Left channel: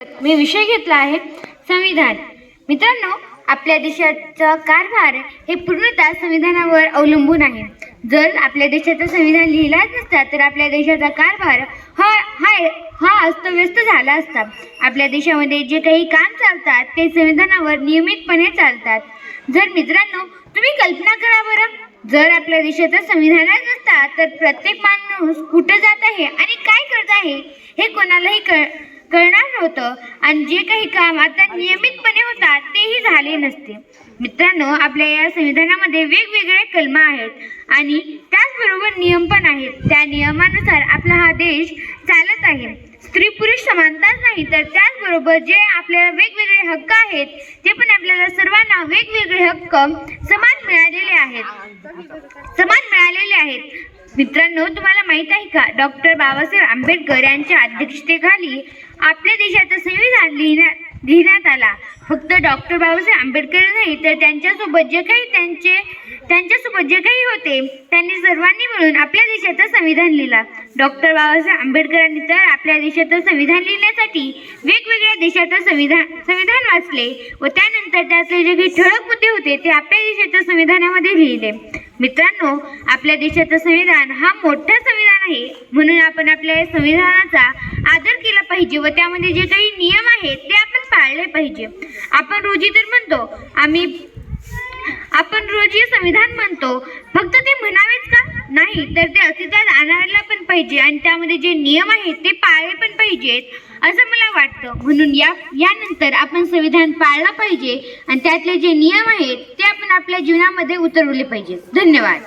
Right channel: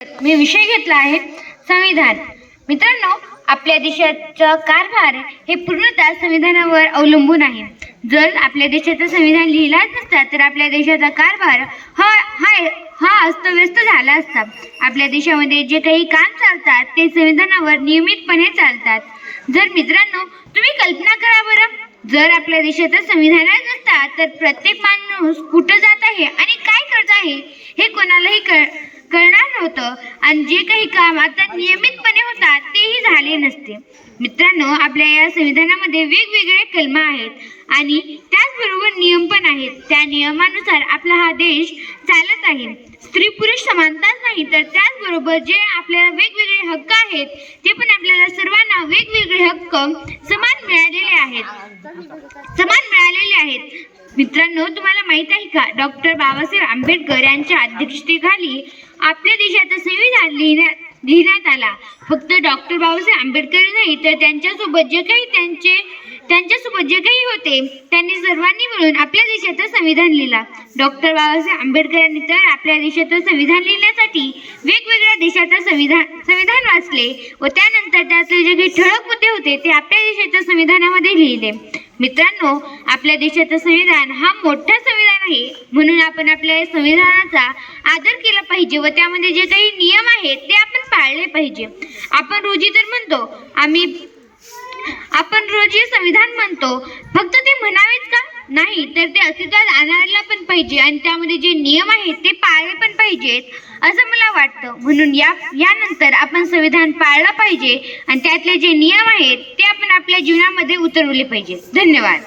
मी विषय घेतला आहे संविधान। मित्रांनो, आपल्या देशाचा कारभार हे पूर्णतः संविधानावर अवलंबून आहे। जर आपल्या देशाचं संविधान लिहिलाच नसता तर आपल्या देशाचा कारभार हा अस्तव्यस्त झाला असता। आपल्या देशामध्ये जे काही काम चालतात ते संविधानावर नियमितपणे चालतात। जर मित्रांनो, तुम्ही कल्पना करा बरं, जर आपल्या देशाचा संविधानच नसता तर प्रत्येक माणूस कुठं जात आहे आणि काय करत आहे हे कोणालाही कळणार नव्हतं आणि जे काही काम आता नियमितपणे होतात तेही झाले नसते। मित्रांनो, आपल्या या संविधानामध्ये वेगवेगळे कलम आहेत आणि त्याचबरोबर नियम पण आहेत। त्या नियमानुसार आपला हा देश चालत आहे। स्त्री पुरुष समानताच नाही तर त्याचबरोबर जे आपल्याला वेगवेगळे हक्क आहेत ते पण आपल्याला सर्वांना वेगवेगळे हक्क समान मिळालेले आहेत। मित्रांनो, तुम्हाला माहित आहे का, डॉक्टर बाबासाहेब आंबेडकर यांच्या अध्यक्षतेखाली आपल्या देशाचं संविधान लिहिण्यात आला। फक्त डॉक्टर बाबासाहेब आंबेडकर नाही तर त्यांच्यासोबत जे काही होते त्यांनी सर्वांनी मिळून आपल्या देशाचं संविधान लिहिला। डॉक्टर बाबासाहेब आंबेडकरांनी तर आपल्या देशाचं संविधान लिहिण्यासाठी वेगवेगळ्या देशाचं संविधान वाचले व त्यानंतर त्यातले जे काही ठळक मुद्दे होते ते आपल्या देशाच्या संविधानामध्ये लिहिले। मित्रांनो, आपल्या देशाचं संविधान हा मोठा संविधान आहे, म्हणून आपण आपल्या संविधानाचा आदर केला पाहिजे व त्यामध्ये जे काही नियम आहेत ते आपण पाळले पाहिजे। आपण रोजी संविधान म्हणतो, फक्त ते म्हणावेच का? नाही, तर ते अस्तित्वात आणायला पण पाहिजे आणि त्यामध्ये जे नियम आहेत ते पाळले पण पाहिजेत असं मला वाटतं। म्हणून यानंतर आपण संविधान पाळलं पाहिजे आणि त्यातले जे नियम आहेत ते आपण आपल्या जीवनामध्ये उतरवले पाहिजे। धन्यवाद।